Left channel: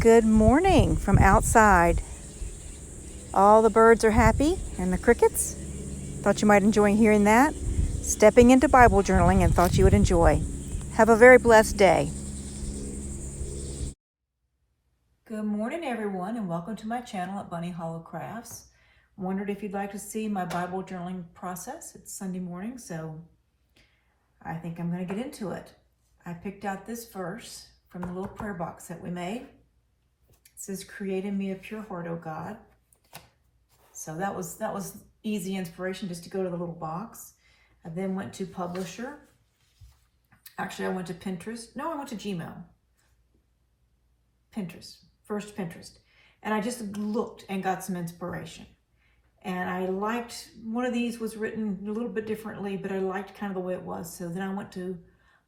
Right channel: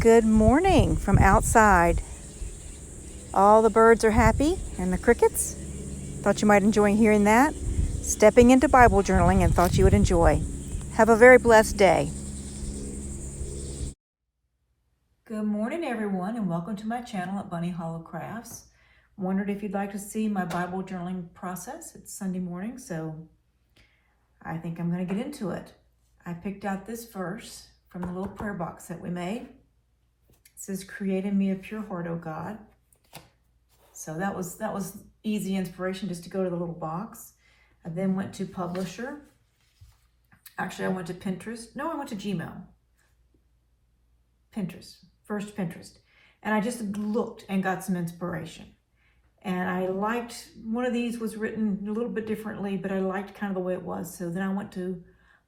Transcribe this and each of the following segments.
Good morning from outside. All the birds are happy and the crickets. Thought you might enjoy hearing that. Stepping into Bible journaling and thought you would enjoy. Have a very blessed day. Good morning everyone and welcome to my channel at Bunny Hollow Crafts. Wondered if you'd like to see my Bible journaling process. It's Sunday morning, so I think I'm going to get into it. I picked out this verse from the little prayer box that we made. It says, "Create in me a pure heart, O God." So that was easy inspiration just to go to the little box. I then went to Publisher. Actually, I went to Pinterest. No, I went to Gmail. First Pinterest. And I just looked and got some inspiration. And I liked, one of these was written a little bit differently, but I liked kind of the way it was. So then I went to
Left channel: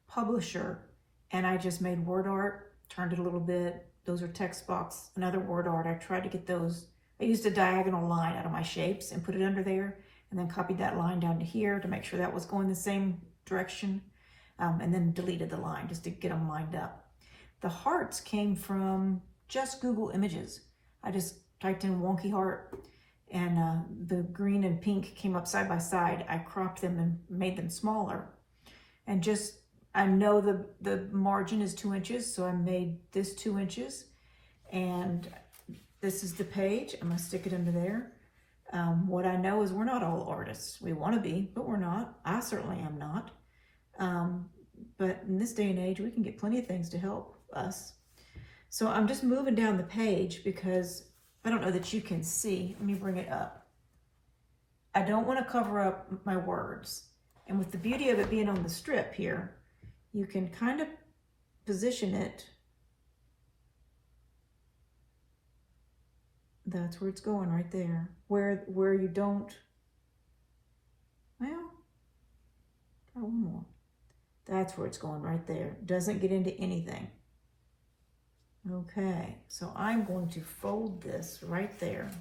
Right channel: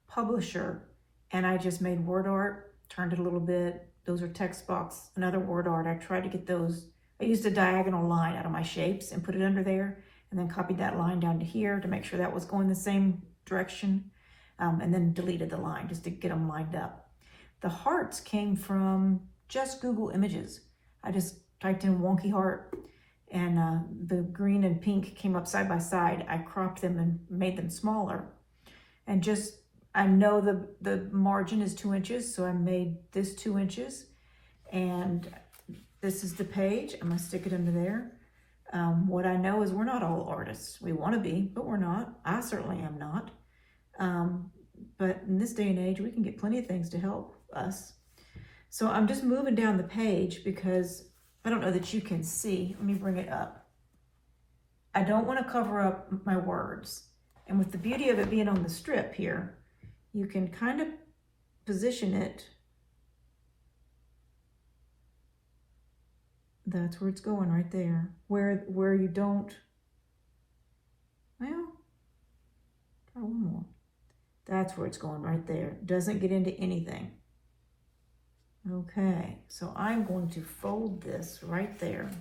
Publisher and I just made word art, turned it a little bit. Those are text box, another word art. I tried to get those. I used a diagonal line out of my shapes and put it under there, and then copied that line down to here to make sure that was going the same direction, and then deleted the line just to get them lined up. The hearts came from just Google Images. I just typed in wonky heart, and the green and pink came up side by side. I cropped them and made them smaller, and just, I know the margin is 2 inches, so I made this 2 inches, and this is the page. I'm gonna stick it under there. What I know is we're not all artists. We wanna be, but we're not. I certainly am not. But in this day and age, we can get plenty of things to help us. So I'm just moving down the page because I don't know that you can see. Let me bring it up. I don't wanna cover up my words. And with the beauty of it being on the strip here, you can kind of position it. That's where it's going, right there. Where you don't, well, try one more. That's where it's going, right there. Doesn't get into anything. Okay, so I'm going to fold this right there.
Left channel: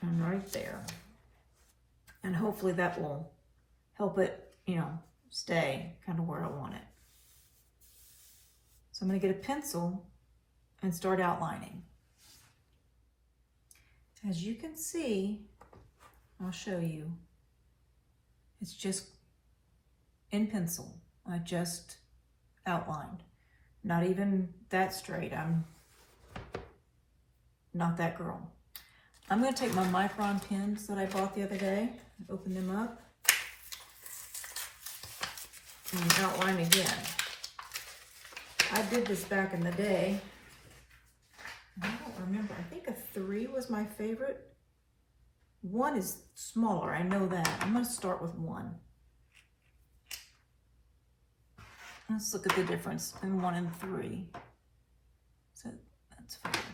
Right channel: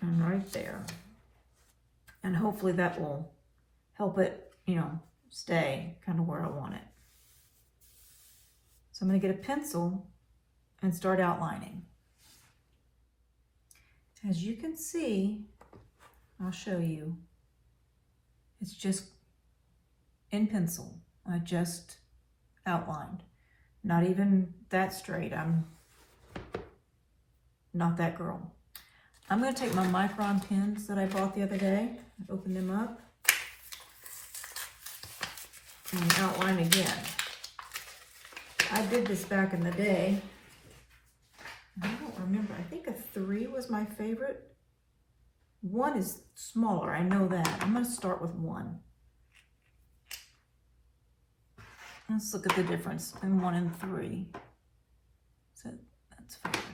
And right there. And hopefully that will help it, stay kind of where I want it. So I'm going to get a pencil and start outlining. As you can see, I'll show you, it's just in pencil. I just outlined. Not even that straight. I'm not that girl. I'm going to take my micron pens that I bought the other day, open them up, and outline again. I did this back in the day. I don't remember. I think a 3 was my favorite. 1 is smaller, I know that. I'm going to start with 1. Let's look at the difference in 1 and 3. So that's 5.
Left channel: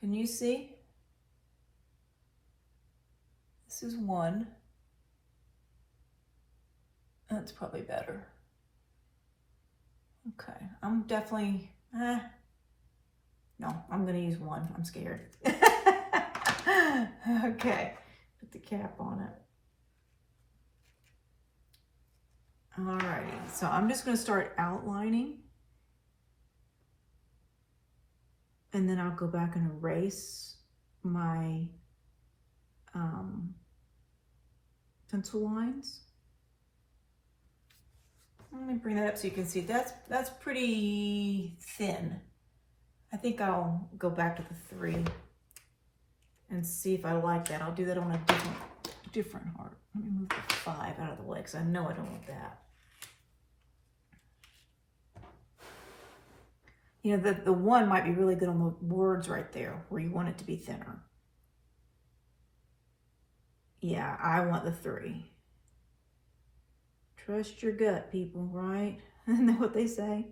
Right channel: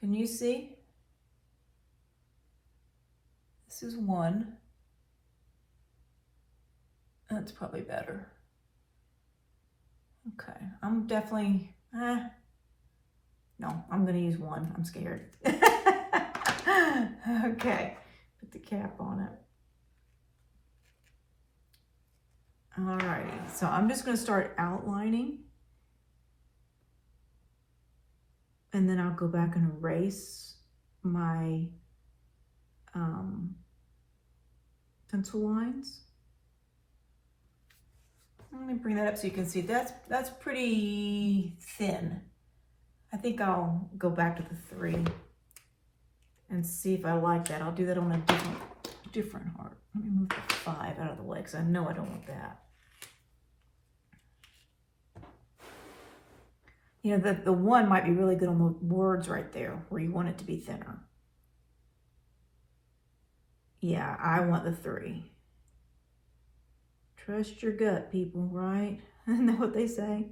Can you see? This is 1. That's probably better. Okay, I'm definitely, no, I'm gonna use 1, I'm scared. Okay, put the cap on it. Alrighty, so I'm just gonna start outlining. And then I'll go back and erase my pencil lines. Let me bring that up so you can see. That's pretty thin. I think I'll go back to the 3 and see if I like that. I'll do that on a different heart. Let me move the 5 out of the way because I know I don't want that. The 1 might be really good on the words right there where you want it to be thinner. Yeah, I want the 3. Trust your gut, people, right? Isn't that what they say?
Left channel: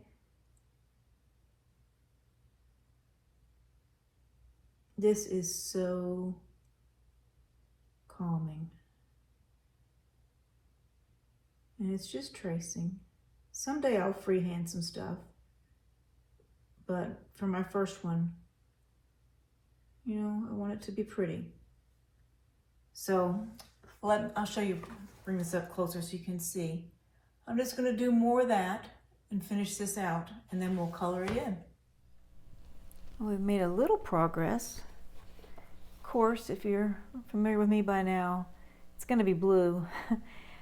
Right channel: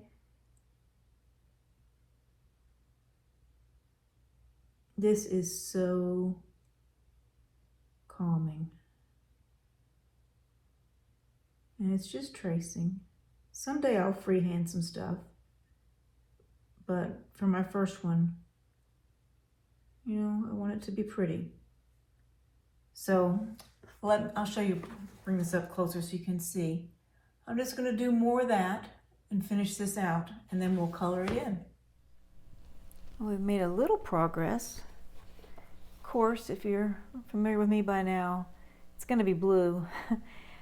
This is so calming. And it's just tracing. Someday I'll freehand some stuff. But for my first one, I want it to be pretty. So I'll show you, bring this up closer so you can see. I'm just going to do more of that and finish this out, and then we'll color again. Well, we've made a little progress. Of course, if you're familiar with me by now, it's going to be blue.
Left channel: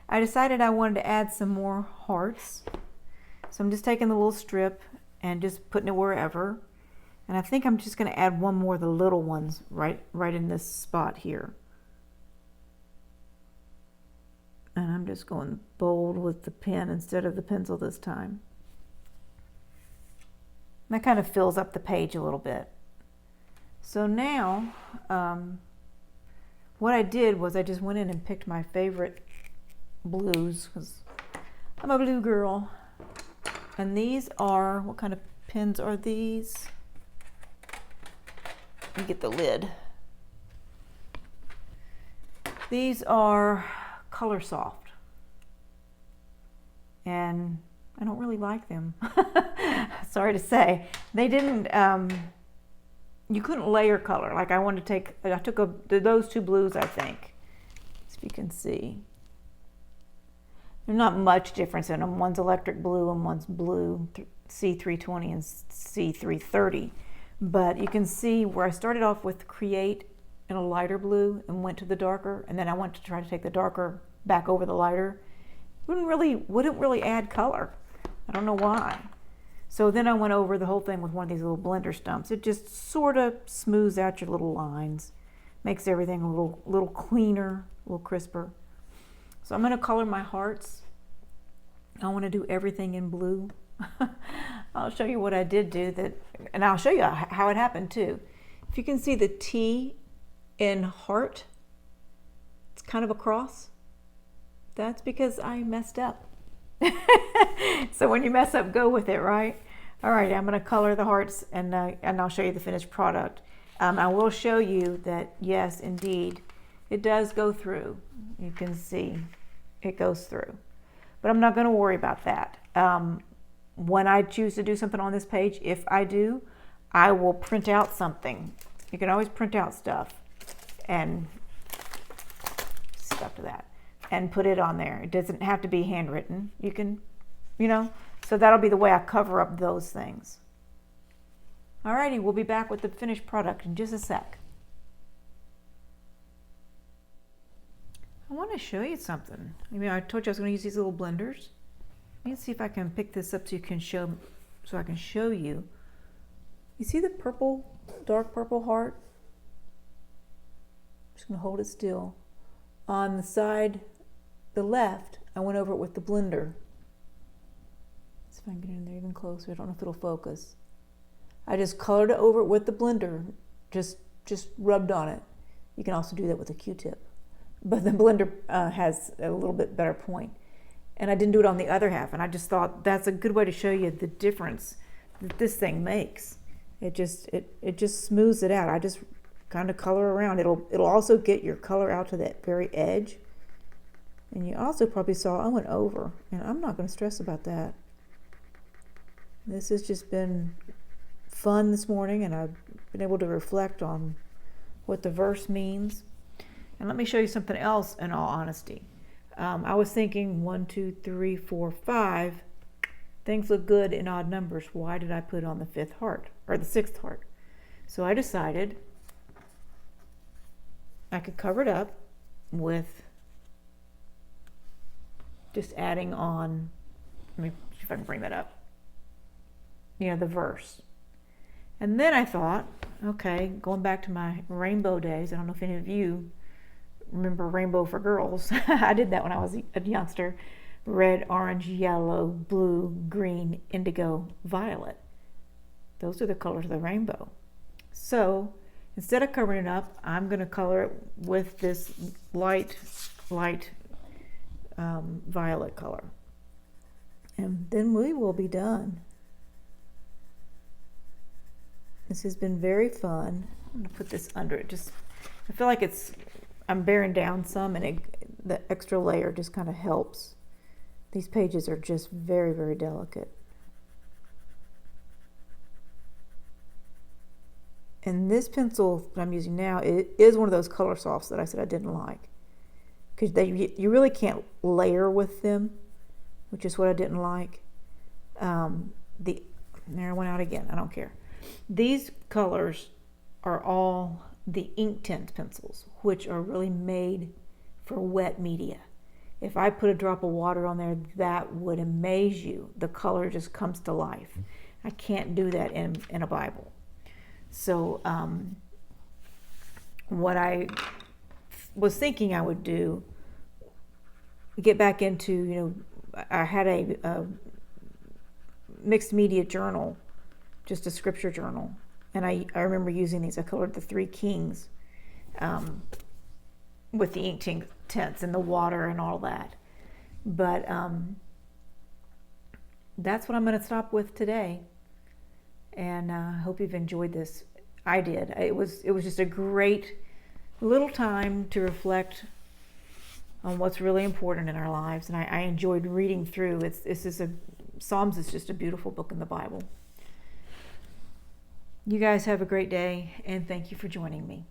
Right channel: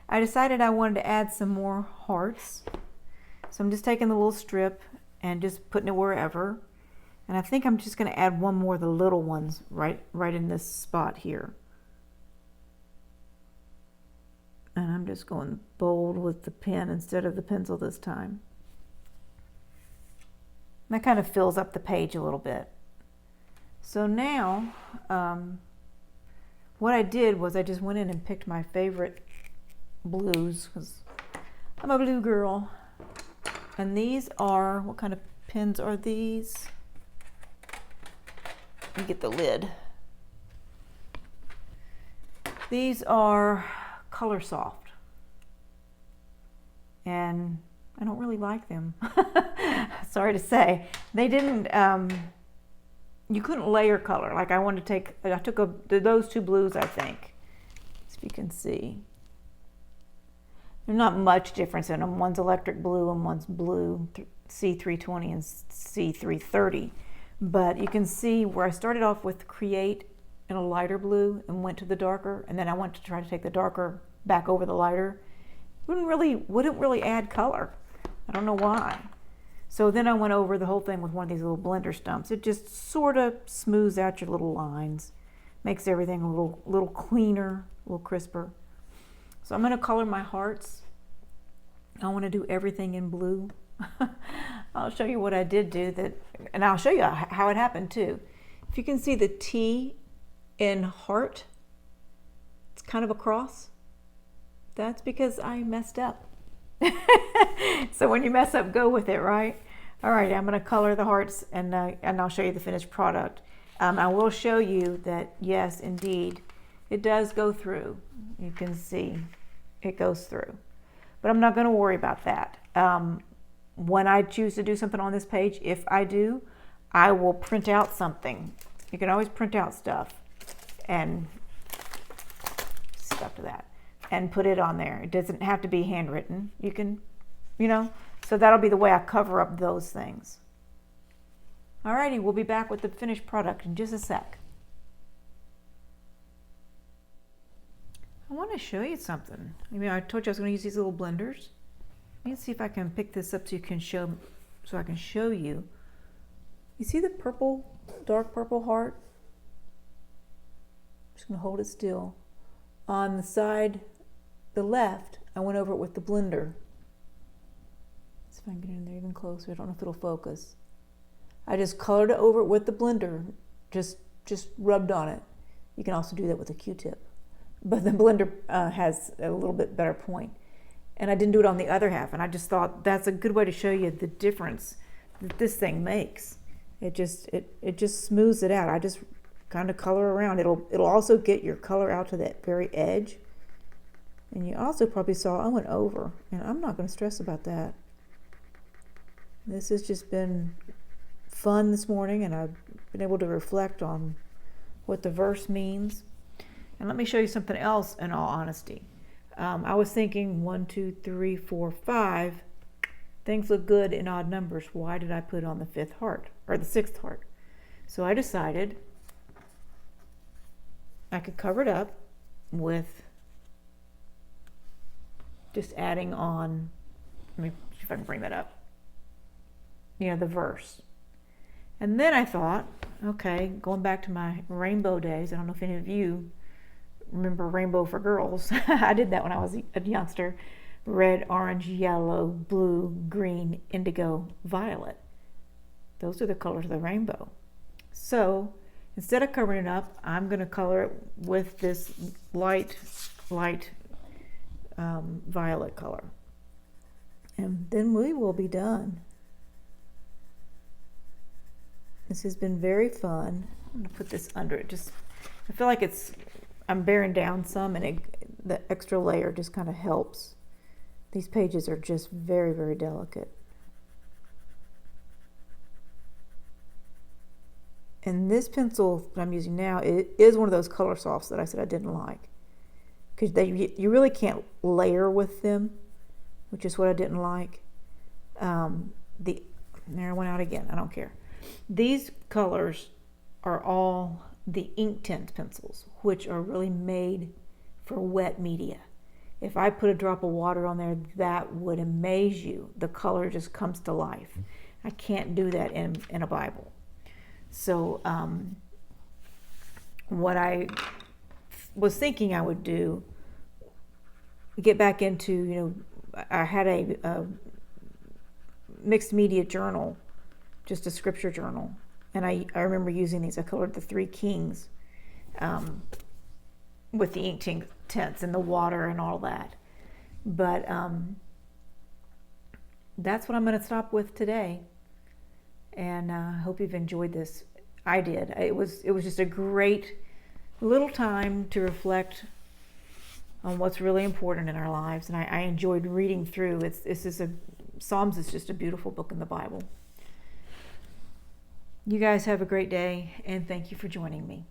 I decided I wanted to add some more hearts. So I'm just taking the little strip and just putting it wherever. And I think I'm just going to add one more of the little ones right in this spot here. And I'm just going bold with the pen instead of the pencil this time. And that kind of fills up the page a little bit. So now, what I did was I just went in and picked my favorite blues, because I'm a blue girl. And these are, what kind of pens are these? Let me get the lid. These are Coloursoft, and I don't really like them. Sorry to say. They didn't, you couldn't layer color. Like I took those two blues, I think, if you can see. There's not much difference in them. One's electric blue and one's blue, C320 and C330. But you can see where I started off with Create in a lighter blue and went to the darker, and then I went to try to take the darker back over the lighter. Wouldn't really add color. I don't know why. So then I went over the whole thing with one of these little blender stumps. It just sort of smooths out your little lines, makes everything a little cleaner, a little crisper. So I'm going to color my hearts. I want to do everything in blue. I'll show you what I did do that, and I'll show you how it happened too. If you can see the T in heart, it's kind of a cross. That's because I messed up. So when you mess up, go with it, right? All right, I'm going to color the hearts, and I'll show you the finished product. I will show you that, yes, indeed, it does go through. You can see it goes through. But I'm not going to worry about that. When I choose to do something on this page, if I do, I will print out something. You can always print out stuff and stuff to that and put it on there. It doesn't have to be handwritten. You can, so that'll be the way I cover up those things. Alrighty, we'll be back with the finished product in just a sec. I want to show you something. I told you I was going to use these little blenders. Let me see if I can pick this up so I can show you. You see the purple, dark purple heart? I'm just going to hold it still. On the side, the left, I went over it with the blender. Let's see if I can get in there even closer. I don't know if it'll focus. I just colored it over it with the blender, just rubbed on it. You can also do that with a Q-tip. But the blender has a little bit better point. And I didn't do it on the other half, and I just thought that's a good way to show you the difference that this thing makes. It just smooths it out. I just kind of color around. It'll also get your color out to that very edge. And you also probably saw I went over, and I'm not going to stress about that. This has just been fun this morning, and I've been able to reflect on what the verse means. And let me show you something else in all honesty. I was thinking 1, 2, 3, 4, 5. Things look good in odd numbers. Why did I put on the 5th heart or the 6th heart? So I decided I could cover it up with just adding on, let me see if I can bring that up, the verse. And then I thought, okay, going back to my rainbow days, I don't know if any of you remember Rainbow for Girls. I did that when I was a youngster. Red, orange, yellow, blue, green, indigo, violet. Those are the colors of the rainbow. So instead of covering it up, I'm going to color it with this light violet color. And then we will be done. This has been very fun. I'm going to put this under it. I feel like I'm bearing down some, and the extra layer just kind of helps. These pages are just very, very delicate. And this pencil that I'm using now is one of those Colorsofts that I said I didn't like. because you really can't layer with them, which is what I didn't like. There I went out again. I don't care. These colors are all the InkTense pencils, which are really made for wet media. If I put a drop of water on there, that would amaze you. The color just comes to life. I can't do that in a Bible. So what I was thinking I would do, get back into, I had a mixed media journal, just a scripture journal, and I remember using these. I colored the 3 kings with the InkTense and the water and all that. But that's what I'm going to stop with today. And I hope you've enjoyed this. I did. It was just a great little time to reflect on what's really important in our lives, and I enjoyed reading through. Psalms is just a beautiful book in the Bible. You guys have a great day, and thank you for joining me.